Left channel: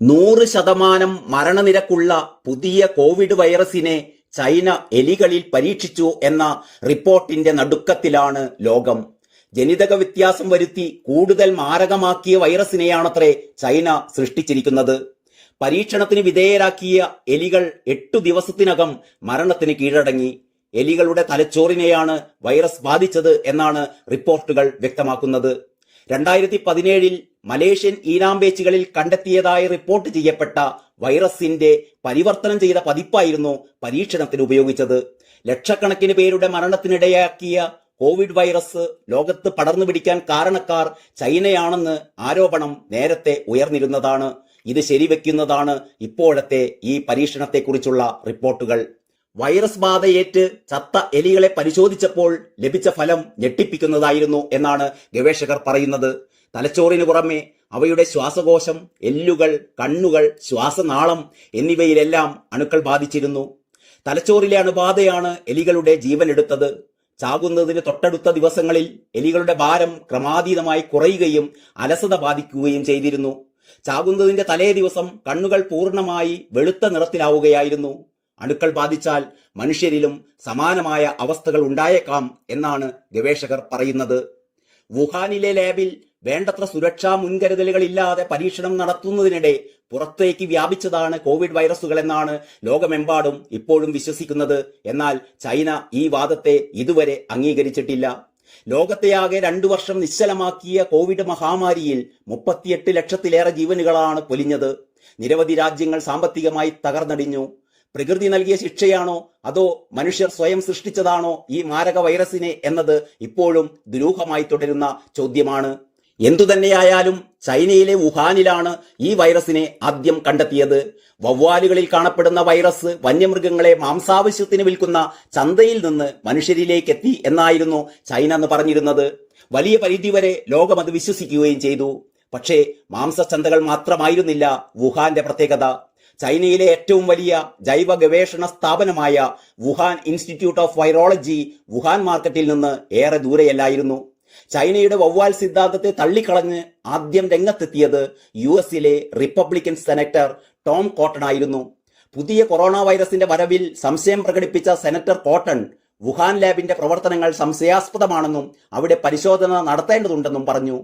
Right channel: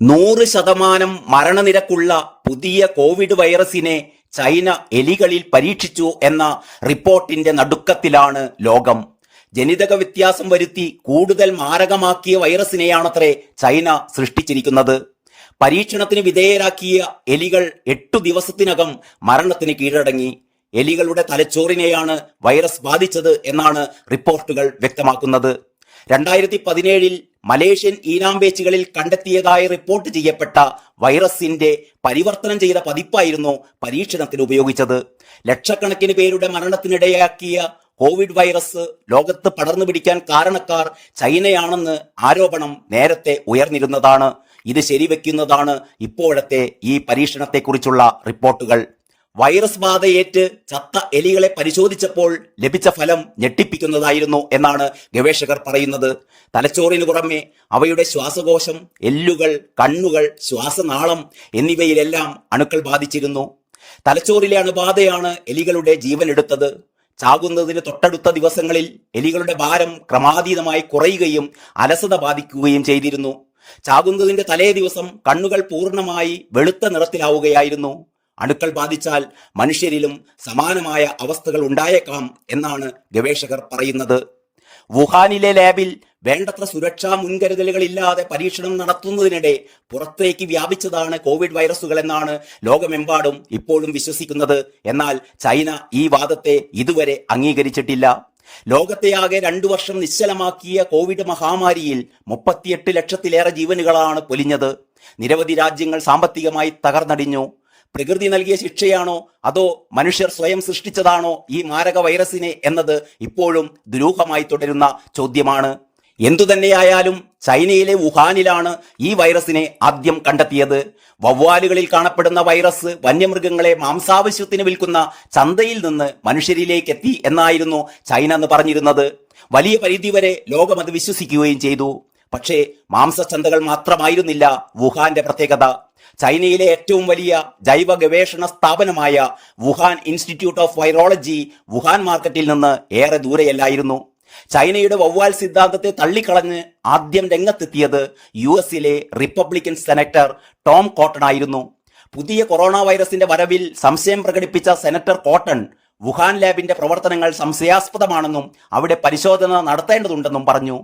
100% മരണനിരക്കുള്ള പുതിയ കോവിഡ് വൈറസിനെ ചൈന എലികളിൽ പരീക്ഷിച്ചു എന്ന റിപ്പോർട്ടിന്റെ നടുക്കത്തിലാണ് ലോകം. ജനിതക വ്യത്യാസം വരുത്തി കൂടുതൽ മാരകമാക്കിയ വൈറസിനെയാണത്രേ ചൈന സൃഷ്ടിച്ചിരിക്കുന്നത്. പരീക്ഷണത്തിന് വിധേയരാക്കിയ എലികൾ 8 ദിവസത്തിനകം മരണത്തിന് കീഴടങ്ങി. എലികളുടെ തലച്ചോറിനെയാണ് വൈറസ് ബാധിച്ചത് എന്നാണ് റിപ്പോർട്ടുകൾ വ്യക്തമാക്കുന്നത്. 2017 മലേഷ്യൻ ഈനാമ്പേച്ചികളിൽ കണ്ടെത്തിയതായി റിപ്പോർട്ട് ചെയ്യപ്പെട്ട വൈറസിന്റെ പരിവർത്തനം ചെയ്ത പതിപ്പായിരുന്നു പരീക്ഷണത്തിന് ഉപയോഗിച്ചത്. ലക്ഷക്കണക്കിന് പേരുടെ മരണത്തിനിടയാക്കിയ കോവിഡ് വൈറസ് ലോകത്ത് പടർന്നു പിടിക്കാൻ കാരണക്കാർ ചൈനയാണെന്ന് ആരോപണം നേരത്തെ ഉയർന്നിരുന്നതാണ്. ഇത് ശരിവെക്കുന്നതാണ് ഇപ്പോഴത്തെ ഈ പരീക്ഷണത്തെക്കുറിച്ചുള്ള റിപ്പോർട്ടുകൾ. വൈറസ് ബാധയേറ്റ് ചത്ത എലികളെ പരിശോധിച്ചപ്പോൾ ലഭിച്ച ഫലം ഞെട്ടിപ്പിക്കുന്നതായിരുന്നു എന്നാണ് ഗവേഷകർ പറയുന്നത്. തലച്ചോറിന് പുറമെ അവയുടെ ശ്വാസകോശം, എല്ലുകൾ, കണ്ണുകൾ, ശ്വാസനാളം എന്നിവയിലെല്ലാം അണുക്കൾ ബാധിച്ചിരുന്നു. തലച്ചോറിലെ അണുബാധയാണ് എലികളുടെ ജീവനെടുത്തത്. ചാകുന്നതിന് തൊട്ടടുത്ത ദിവസങ്ങളിൽ എലികളുടെ ഭാരം ക്രമാതീതമായി കുറയുകയും അലസത ബാധിക്കുകയും ചെയ്തിരുന്നു. ചാകുന്നതിന്റെ തലേ ദിവസം കണ്ണുകൾ പൂർണ്ണമായി വെളുത്ത നിറത്തിലാവുകയായിരുന്നു. അണുക്കൾ ബാധിച്ചാൽ മനുഷ്യരിലും സമാനമായ അവസ്ഥകൾ ഉണ്ടായേക്കാം എന്നാണ് ഗവേഷകർ പറയുന്നത്. വുഹാനിലെ ലാബിൽ വേണ്ടത്ര സുരക്ഷാ മുൻകരുതലുകളില്ലാതെ പരീക്ഷണം നടത്തുന്നതിനിടെ പുറത്തേക്ക് വ്യാപിച്ചതാണ് കോവിഡ് വൈറസുകൾ എന്നാണ് ലോകമെമ്പാടും ഇപ്പോഴും വിശ്വസിക്കുന്നത്. എന്നാൽ ചൈന ഈ വാദത്തെ ഇതുവരെ അംഗീകരിച്ചിട്ടില്ല. ലോകത്തെയാകെ 2 വർഷം നിശ്ചലമാക്കിയ കോവിഡ് മഹാമാരിയിൽ 38 ലക്ഷത്തിലേറെ ജീവനുകളാണ് പൊലിഞ്ഞത്. നിരവധി രാജ്യങ്ങൾ സാമ്പത്തികമായി തകർന്നടിഞ്ഞു. പ്രകൃതി നൽകിയ ശിക്ഷയാണോ അതോ മനുഷ്യർ സ്വയം സൃഷ്ടിച്ചതാണോ ഈ മാരക വൈറസിനെ എന്നത് ഇപ്പോഴും ദുരൂഹമായി തുടരുന്ന ചോദ്യമാണ്. എന്തുതന്നെയായാലും ചൈനയിലെ വുഹാനിലാണ് ഈ വൈറസിനെ ആദ്യം കണ്ടെത്തിയത്. വവ്വാലുകളിൽ കാണപ്പെടുന്ന വൈറസ് വന്യമൃഗങ്ങളെ മാംസാവശ്യത്തിന് വിൽക്കുന്ന ചന്തയിൽ നിന്ന് മനുഷ്യരിലേക്ക് എത്തി എന്നായിരുന്നു ചൈന എന്ന് പറഞ്ഞിരുന്നത്. വലിയ പരിധിവരെ ലോകം അത് വിശ്വസിക്കുകയും ചെയ്തു. പക്ഷേ മാംസച്ചന്തകൾ മാത്രമായിരുന്നില്ല വുഹാന്റെ പ്രത്യേകത. ചൈനയിലെ ഏറ്റവും വലിയ ജൈവ ഗവേഷണ സ്ഥാപനമായ Wuhan institute of virology Wuhan മാർക്കറ്റിൽ നിന്ന് ഏറെ ദൂരെയല്ലായിരുന്നു. ചൈനയുടെ വവ്വാൽ സിദ്ധാന്തത്തെ തള്ളിക്കളഞ്ഞ് ആദ്യം രംഗത്തെത്തിയത് US-ലെ റിപ്പബ്ലിക്കൻ സെനറ്റർ ടോം കോട്ടൺ ആയിരുന്നു. പുതിയ കൊറോണ വൈറസിന്റെ വരവിൽ സംശയം പ്രകടിപ്പിച്ച സെനറ്റർ കോട്ടൺ വുഹാൻ ലാബിന്റെ പ്രവർത്തനങ്ങൾ സംശയാസ്പദമാണെന്നും അവിടെ പരിശോധന നടത്തേണ്ടതുണ്ടെന്നും പറഞ്ഞു.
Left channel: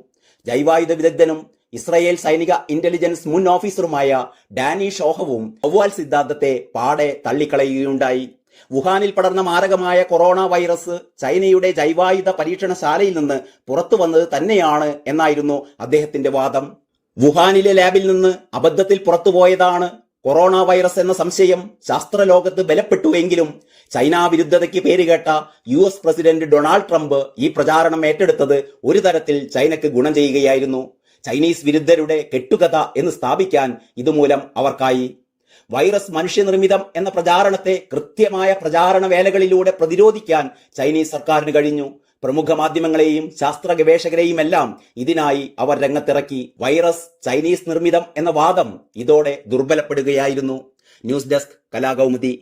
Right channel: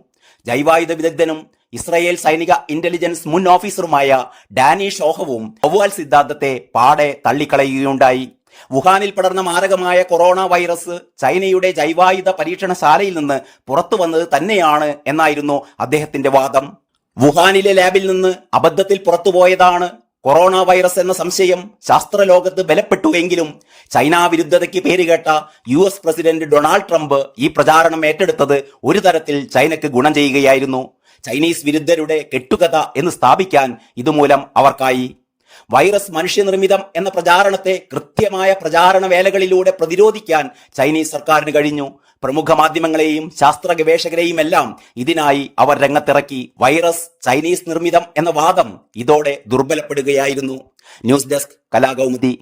ജൈവായുധ വിദഗ്ധനും ഇസ്രയേൽ സൈനിക ഇന്റലിജൻസ് മുൻ ഓഫീസറുമായ ഡാനി ഷോഹവും വവ്വാൽ സിദ്ധാന്തത്തെ പാടെ തള്ളിക്കളയുകയുണ്ടായി. വുഹാനിൽ പടർന്ന മാരകമായ കൊറോണ വൈറസ് ചൈനയുടെ ജൈവായുധ പരീക്ഷണശാലയിൽ നിന്ന് പുറത്തു വന്നത് തന്നെയാണ് എന്നായിരുന്നു അദ്ദേഹത്തിന്റെ വാദം. വുഹാനിലെ ലാബിൽ നിന്ന് അബദ്ധത്തിൽ പുറത്തുപോയതാണ് കൊറോണ വൈറസ് എന്ന സംശയം ശാസ്ത്രലോകത്ത് ബലപ്പെട്ടുവെങ്കിലും ചൈന വിരുദ്ധതയ്ക്ക് പേരുകേട്ട US പ്രസിഡന്റ് ഡൊണാൾഡ് ട്രംപ് ഈ പ്രചാരണം ഏറ്റെടുത്തത് ഒരു തരത്തിൽ ചൈനയ്ക്ക് ഗുണം ചെയ്യുകയായിരുന്നു. ചൈനീസ് വിരുദ്ധരുടെ കെട്ടുകഥ എന്ന് സ്ഥാപിക്കാൻ ഇതുമൂലം അവർക്കായി. വൈറസ് മനുഷ്യനിർമ്മിതം എന്ന പ്രചാരണത്തെ കൃത്യമായ പ്രചാരണ വേലകളിലൂടെ പ്രതിരോധിക്കാൻ ചൈനീസ് സർക്കാരിന് കഴിഞ്ഞു. പ്രമുഖ മാധ്യമങ്ങളെയും ശാസ്ത്ര ഗവേഷകരെയും എല്ലാം ഇതിനായി അവർ രംഗത്തിറക്കി. വൈറസ് ചൈനീസ് നിർമ്മിതം എന്ന വാദം ഇതോടെ ദുർബലപ്പെടുകയായിരുന്നു. News desk Kalakaumudi.